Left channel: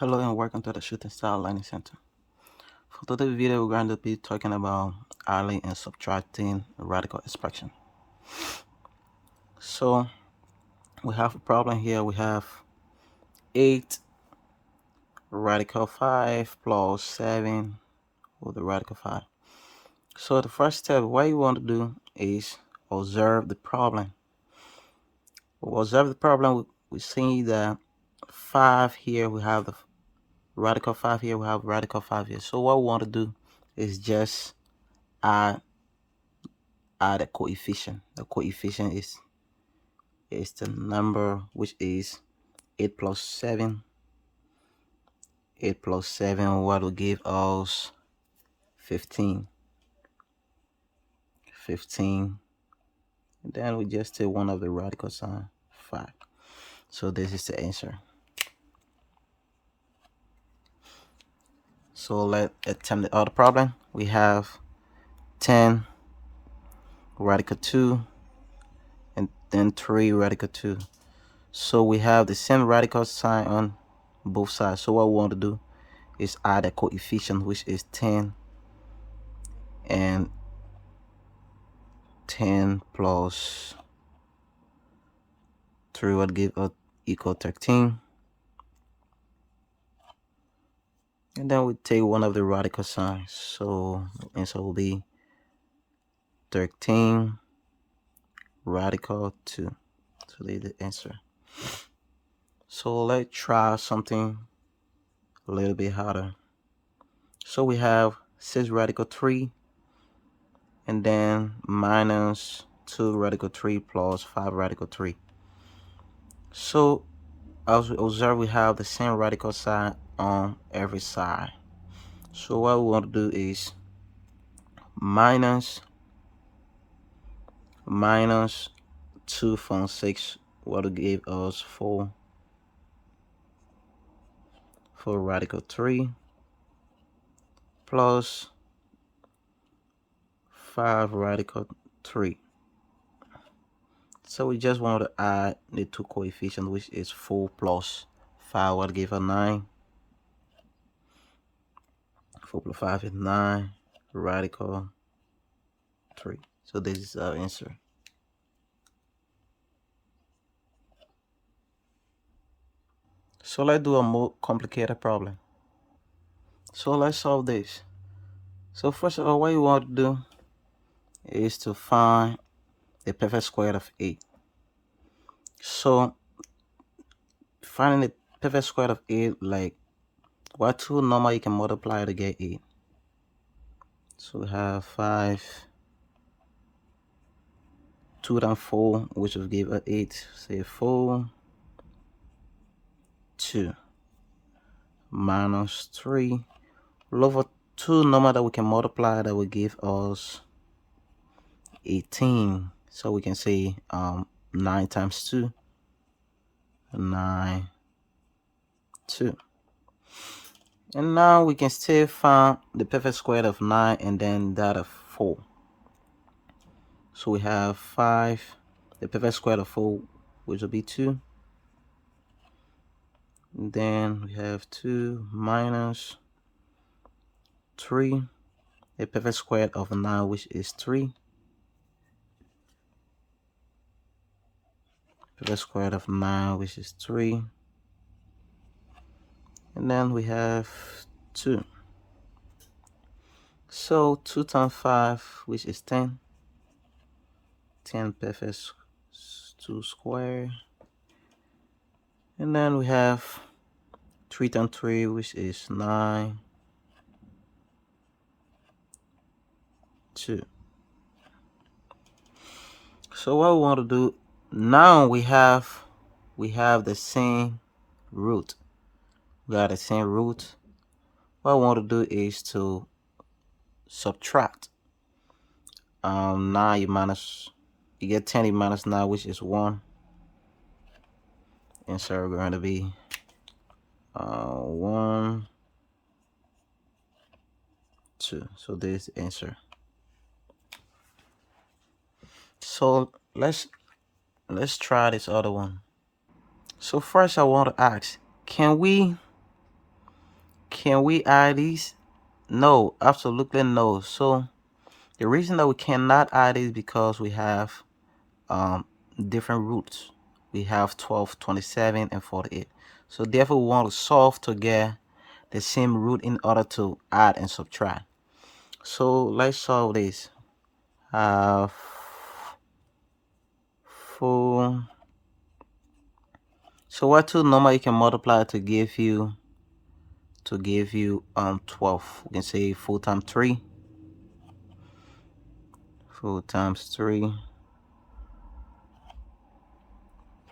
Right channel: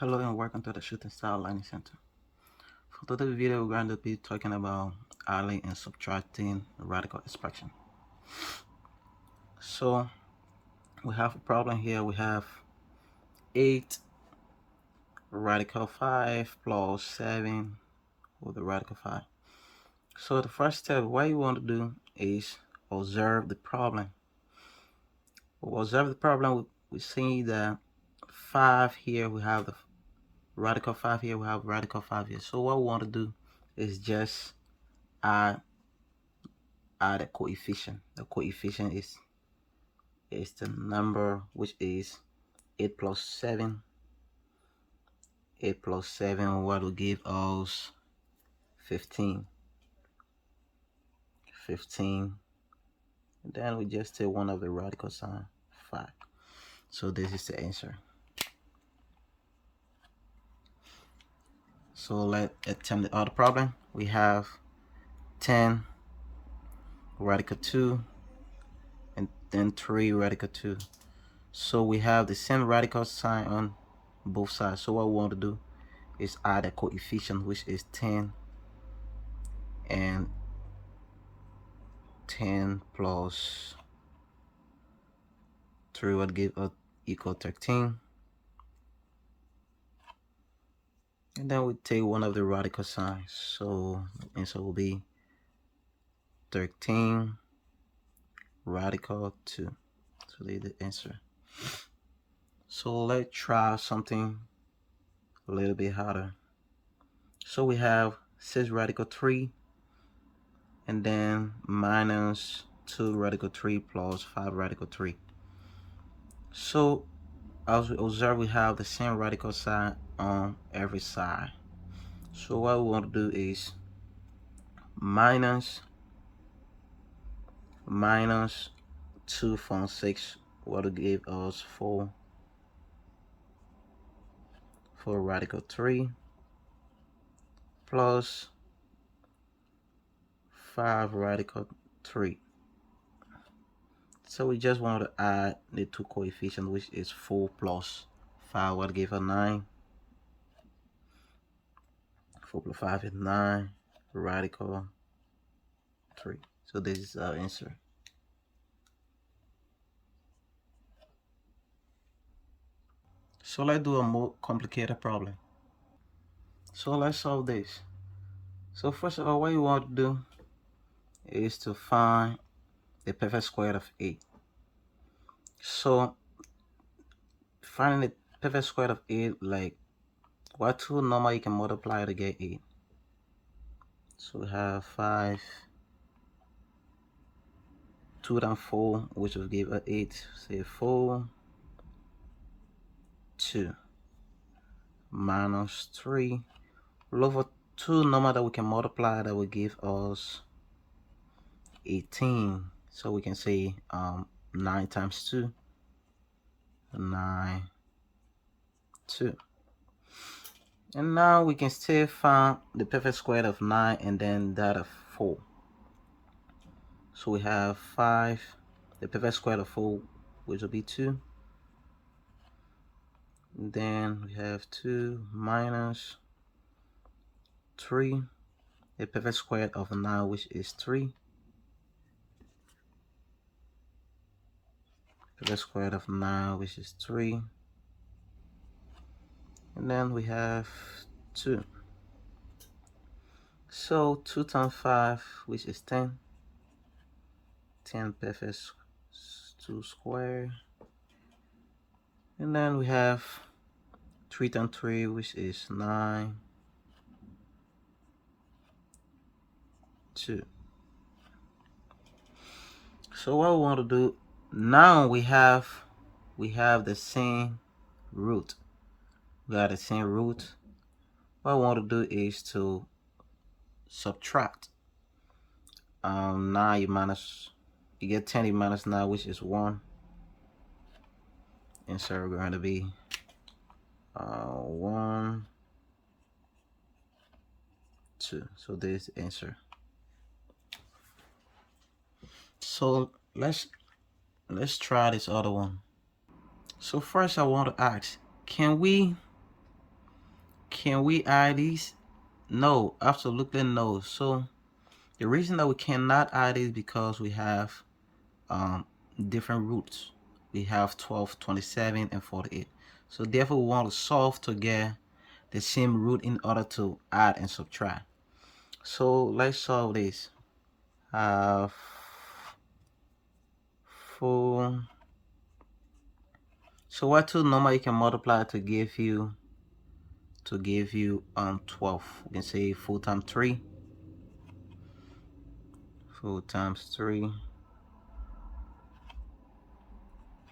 Hello and welcome to the Shooting Style Learning Center. For today's video, we're going to be talking about adding and subtracting radical expression. So we have a problem here. We have 8 radical 5 plus 7 with the radical 5. So the first step, what you want to do is observe the problem. We'll observe the problem. We see that 5 here, we have the radical 5 here, we have radical 5 here. So what we want to do is just add a coefficient. The coefficient is the number which is 8 plus 7. 8 plus 7 what will give us 15. 15. And then we just take one of the radical sign 5. So this is the answer. So let's attempt the other problem. We have 10 radical 2 and then 3 radical 2. So we have the same radical sign on both sides. So what we want to do is add a coefficient which is 10 and 10 plus 3 would give us equal 13. And then we take one of the radical signs. So the answer will be 13 radical 2. So this is the answer. So let's try something a little bit harder. So we have 6 radical 3 and then minus 2 radical 3 plus 5 radical 3. So as we observe, we have the same radical sign on every side. So what we want to do is minus 2 from 6, what will give us 4 radical 3 plus 5 radical 3. So we just want to add the two coefficients, which is 4 plus 5 will give us 9. 4 plus 5 is 9 radical 3. So this is our answer. So let's do a more complicated problem. So let's solve this. So first of all, what you want to do is to find the perfect square of 8. So finding the perfect square of 8, like what two number you can multiply to get 8. So we have 5, 2 times 4, which will give us 8. Say 4, 2 minus 3. Look for two number that we can multiply that will give us 18. So we can say 9 times 2, 9, 2. And now we can still find the perfect square of 9 and then that of 4. So we have 5, the perfect square of 4, which will be 2. And then we have 2 minus 3, the perfect square of 9, which is 3. Perfect square of 9, which is 3. And then we have 2. So 2 times 5, which is 10. 10 perfect 2 square. And then we have 3 times 3, which is 9. 2. So what we want to do now, we have the same root. We got the same root. What I want to do is to subtract. 9 you get 10 you minus 9, which is 1. And so we're going to be 1, 2. So this is the answer. So let's try this other one. So first I want to ask, can we Can we add these? No, absolutely no. So the reason that we cannot add is because we have um, different roots. We have 12, 27, and 48. So therefore we want to solve to get the same root in order to add and subtract. So let's solve this. Have 4. So what two number you can multiply to give you 12? We can say 4 times 3. 4 times 3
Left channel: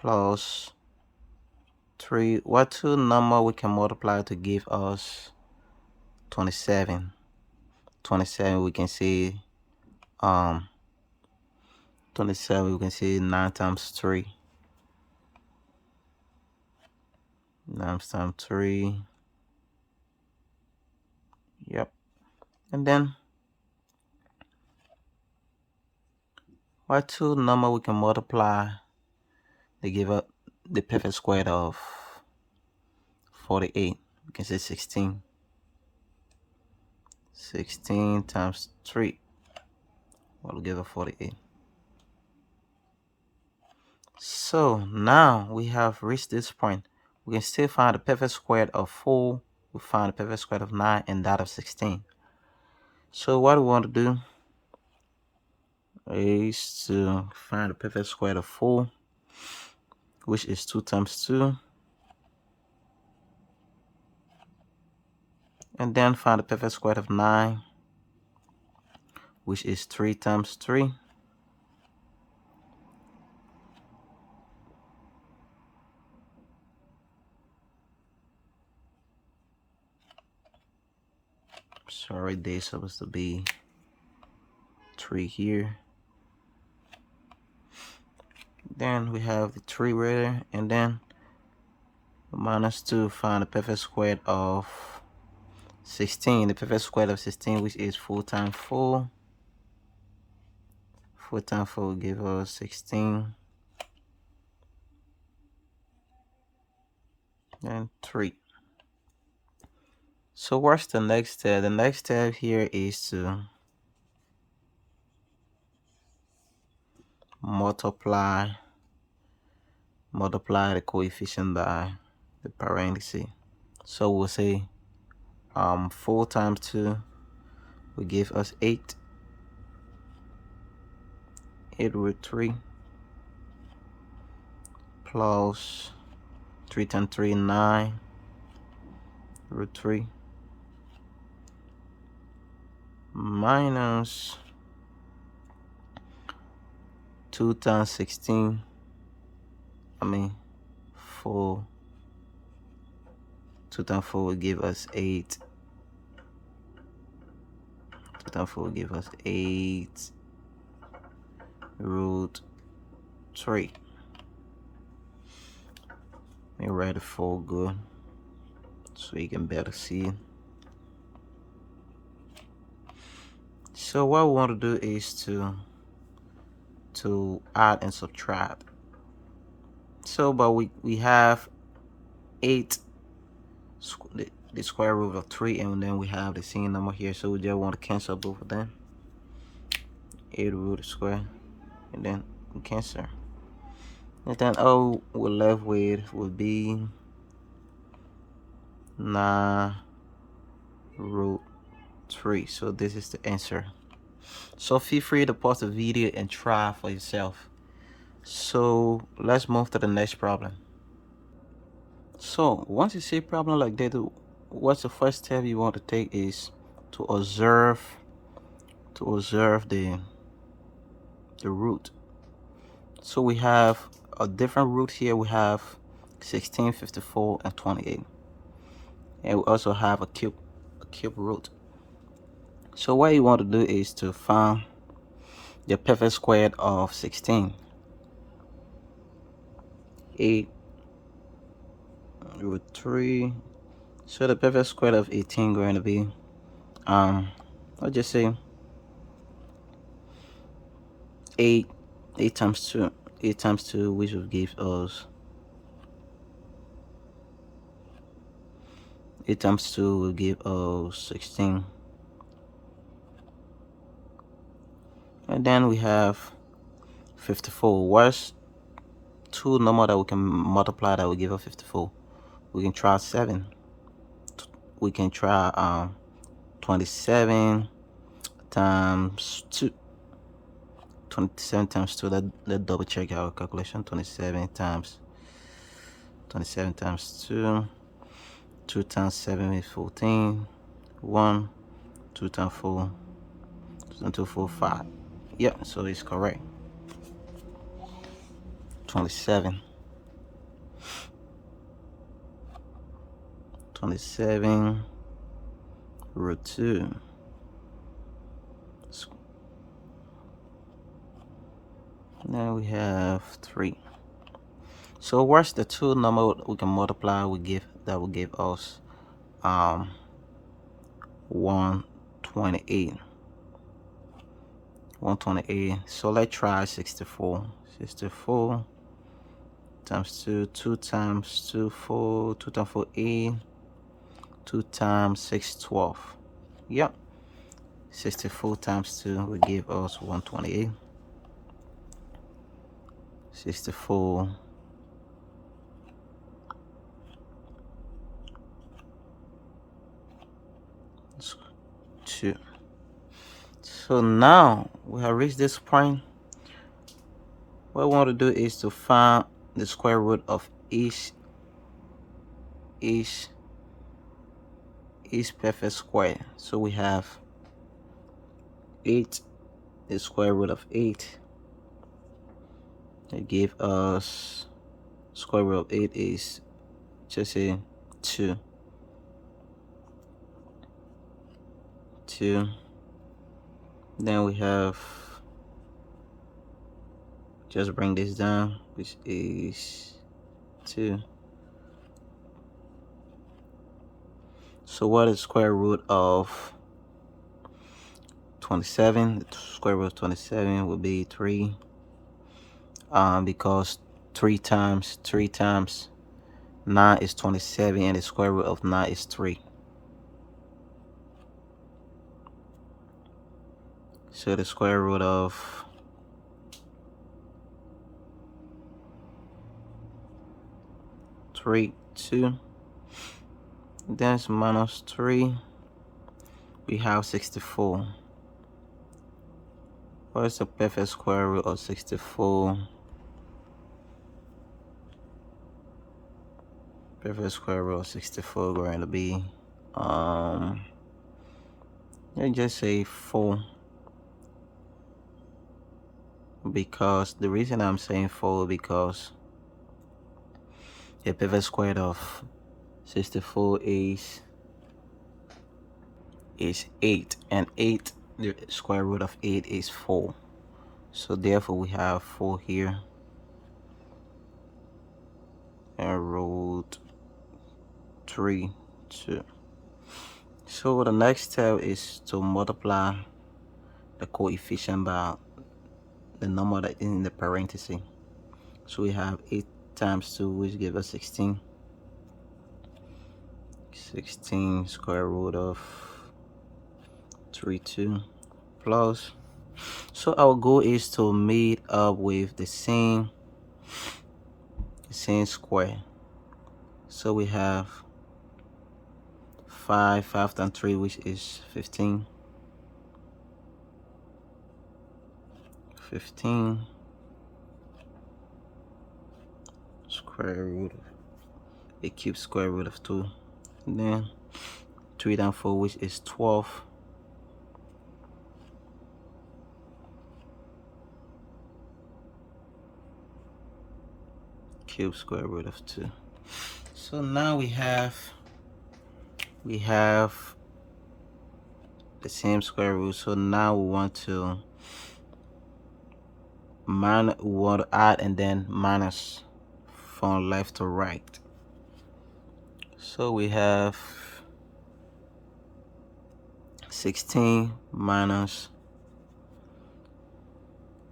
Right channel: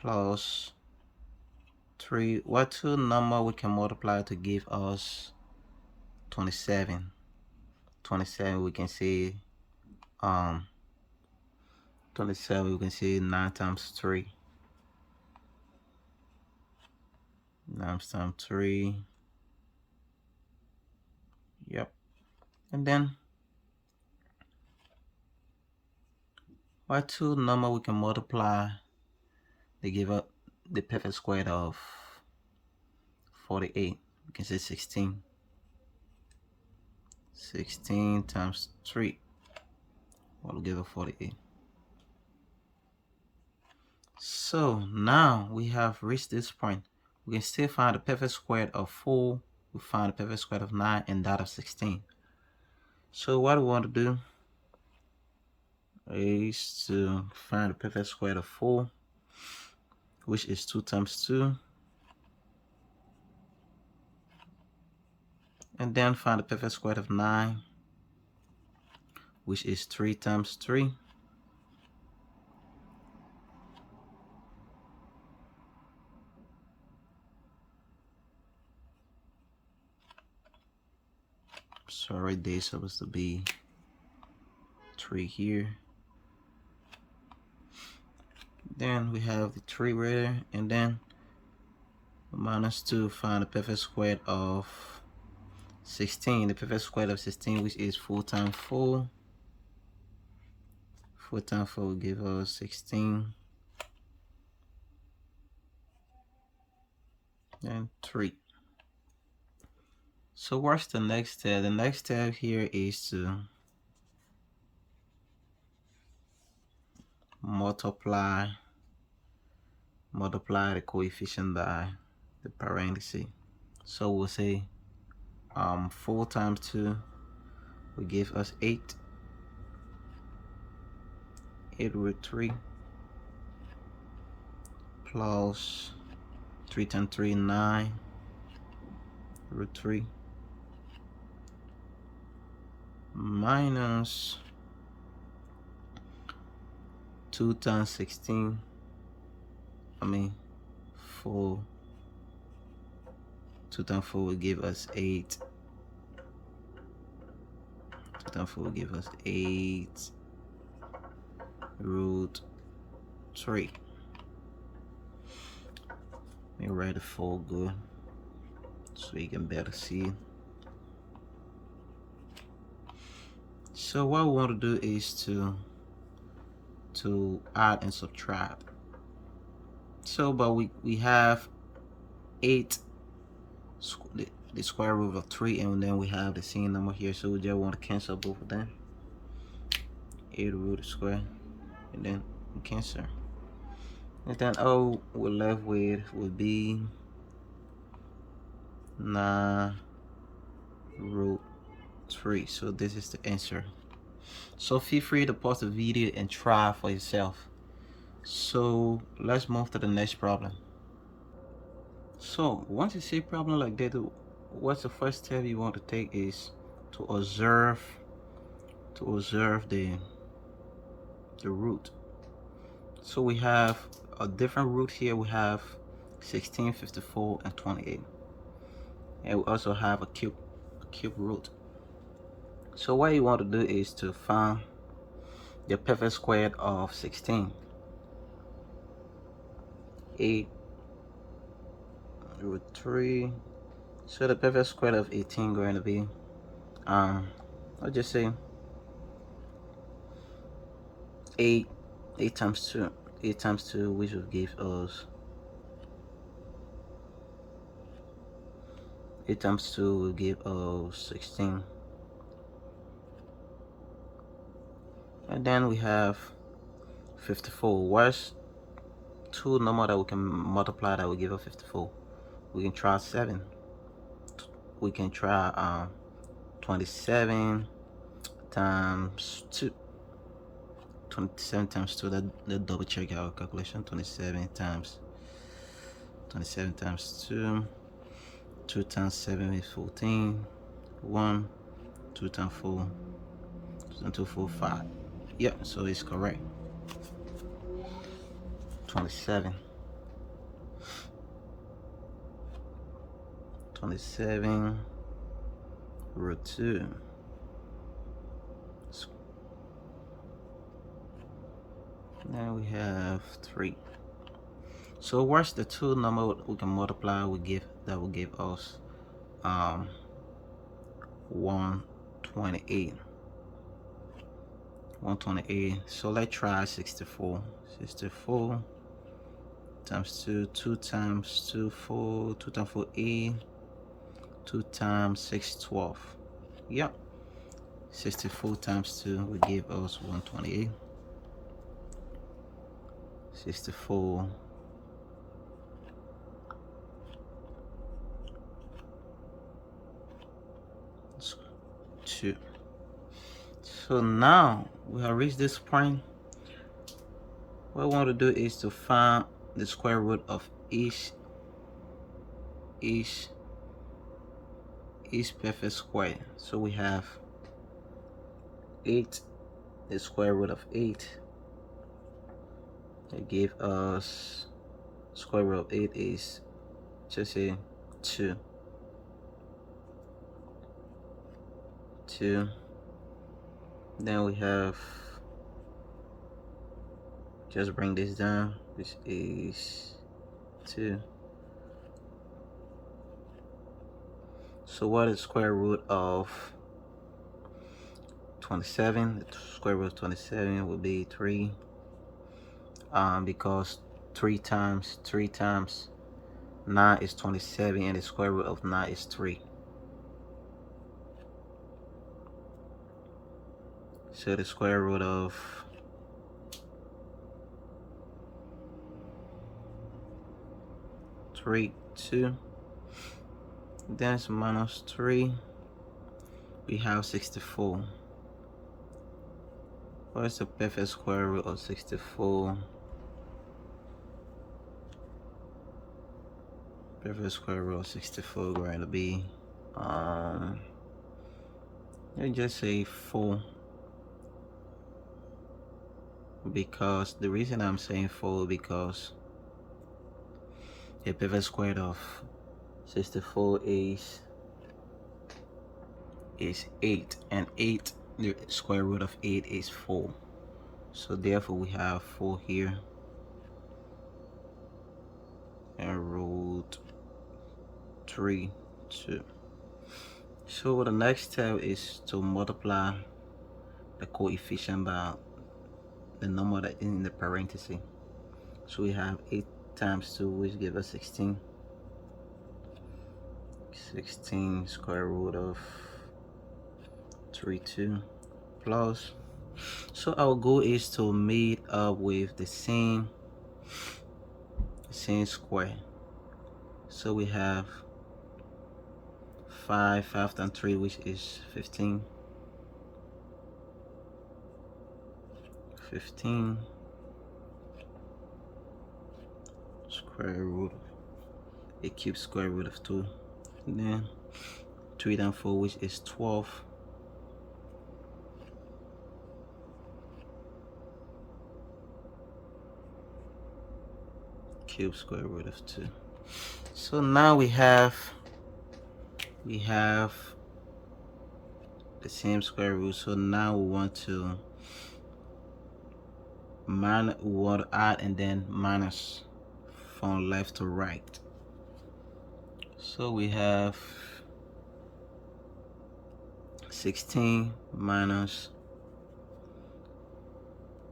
plus 3. What two number we can multiply to give us 27? 27 we can say 27 we can say 9 times 3. 9 times 3. Yep. And then what two number we can multiply to give us the perfect square of 48? We can say 16. 16 times 3 will give us 48. So now we have reached this point. We can still find the perfect square of 4. We find the perfect square of 9 and that of 16. So what we want to do is to find the perfect square of 4, which is 2 times 2, and then find the perfect square of 9, which is 3 times 3. Sorry, there's supposed to be 3 here. Then we have the 3 right there, and then minus 2, find the perfect square of 16. The perfect square of 16, which is 4 times 4. 4 times 4 will give us 16. And 3. So what's the next step? The next step here is to multiply the coefficient by the parenthesis. So we'll say 4 times 2 will give us 8. 8 root 3 plus 3 times 3 9 root 3 minus 2 times 16. 4. 2 times 4 will give us 8. 2 times 4 will give us 8 root 3. Let me write it full good so you can better see. So what we want to do is to add and subtract. So but we have 8 the square root of 3, and then we have the same number here, so we just want to cancel both of them. 8 root square, and then we cancel, and then all we're left with would be 9 root 3. So this is the answer. So feel free to pause the video and try for yourself. So let's move to the next problem. So once you see a problem like that, what's the first step you want to take is to observe the root. So we have a different root here. We have 16, 54, and 28, and we also have a cube root. So what you want to do is to find the perfect square of 16. 8 root 3. So the perfect square of 18 going to be I'll just say 8 times 2, 8 times 2, which will give us 8 times 2 will give us 16. And then we have 54. What's two number that we can multiply that will give us 54? We can try 7. We can try 27 times 2. 27 times 2. Let's double check our calculation. 27 times 2. 2 times 7 is 14. 1. 2 times 4. 2 times 2, 4, 5. Yep, so it's correct. 27 root 2. Now we have 3. So what's the two number we can multiply that will give us 128. 128. So let's try 64. 64 times 2. 2 times 2, 4. 2 times 4, 8. 2 times 6, 12. Yep. 64 times 2 will give us 128. 64 2. So now we have reached this point. What we want to do is to find the square root of each perfect square. So we have 8. The square root of 8. They give us square root of 8 is just a 2. 2. Then we have, just bring this down, which is 2. So what is square root of 27? The square root of 27 would be 3. Because 3 times 9 is 27, and the square root of 9 is 3. So the square root of 3, 2. Then it's minus 3. We have 64. What is the perfect square root of 64? Perfect square root of 64 going to be let's just say 4. Because the reason I'm saying 4 because the perfect square of 64 is 8, and 8, the square root of 8 is 4. So therefore we have 4 here, and root 3, 2. So the next step is to multiply the coefficient by the number that is in the parenthesis. So we have 8 times 2, which gives us 16. 16 square root of 3, 2 plus. So our goal is to meet up with the same square. So we have 5 times 3, which is 15. 15 square root, a cube square root of 2. And then 3 times 4, which is 12. Cube square root of 2. So now we have the same square root. So now we want to add and then minus from left to right. So we have 16 minus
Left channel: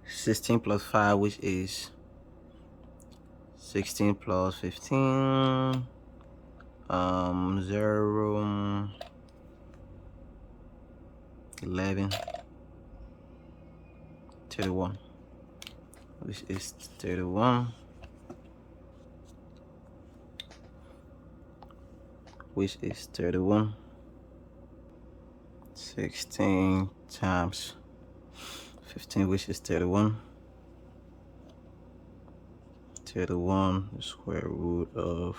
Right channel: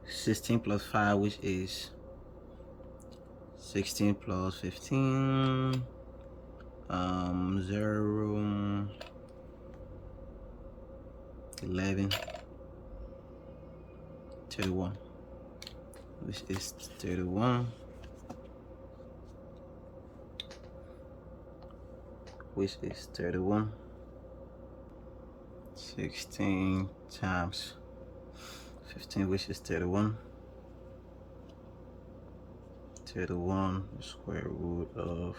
16 plus 5, which is 16 plus 15. 0, 11, 31, which is 31, which is 31. 16 times 15, which is 31. 31, the square root of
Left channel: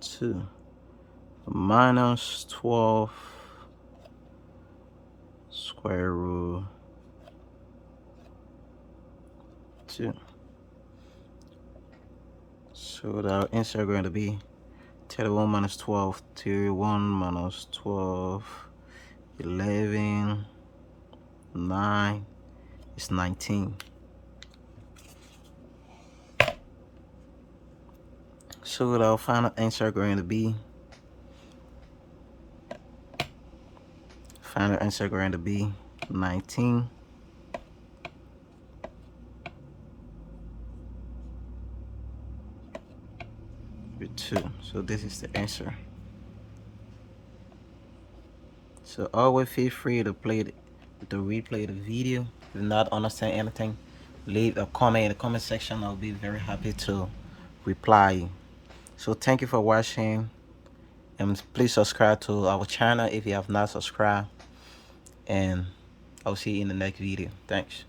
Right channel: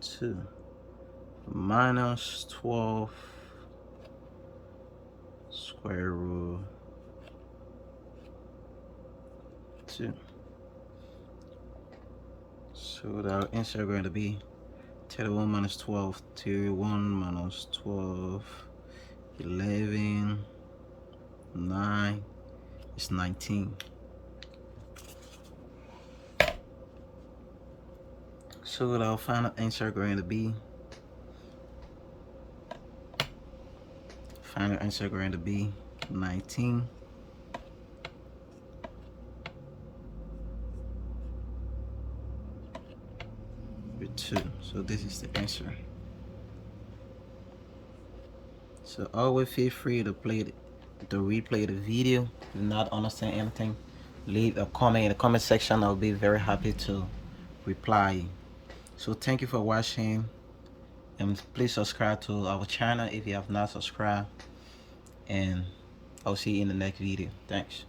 2, minus 12, square root 2. So the answer is going to be 31 minus 12, 31 minus 12, 11, 9, it's 19. So our final answer is going to be, 19 with 2. So this is the answer. So always feel free to replay the video. If you not understand anything, leave a comment in the comment section. I'll be very happy to reply. So thank you for watching, and please subscribe to our channel if you have not subscribed, and I'll see you in the next video. Thanks.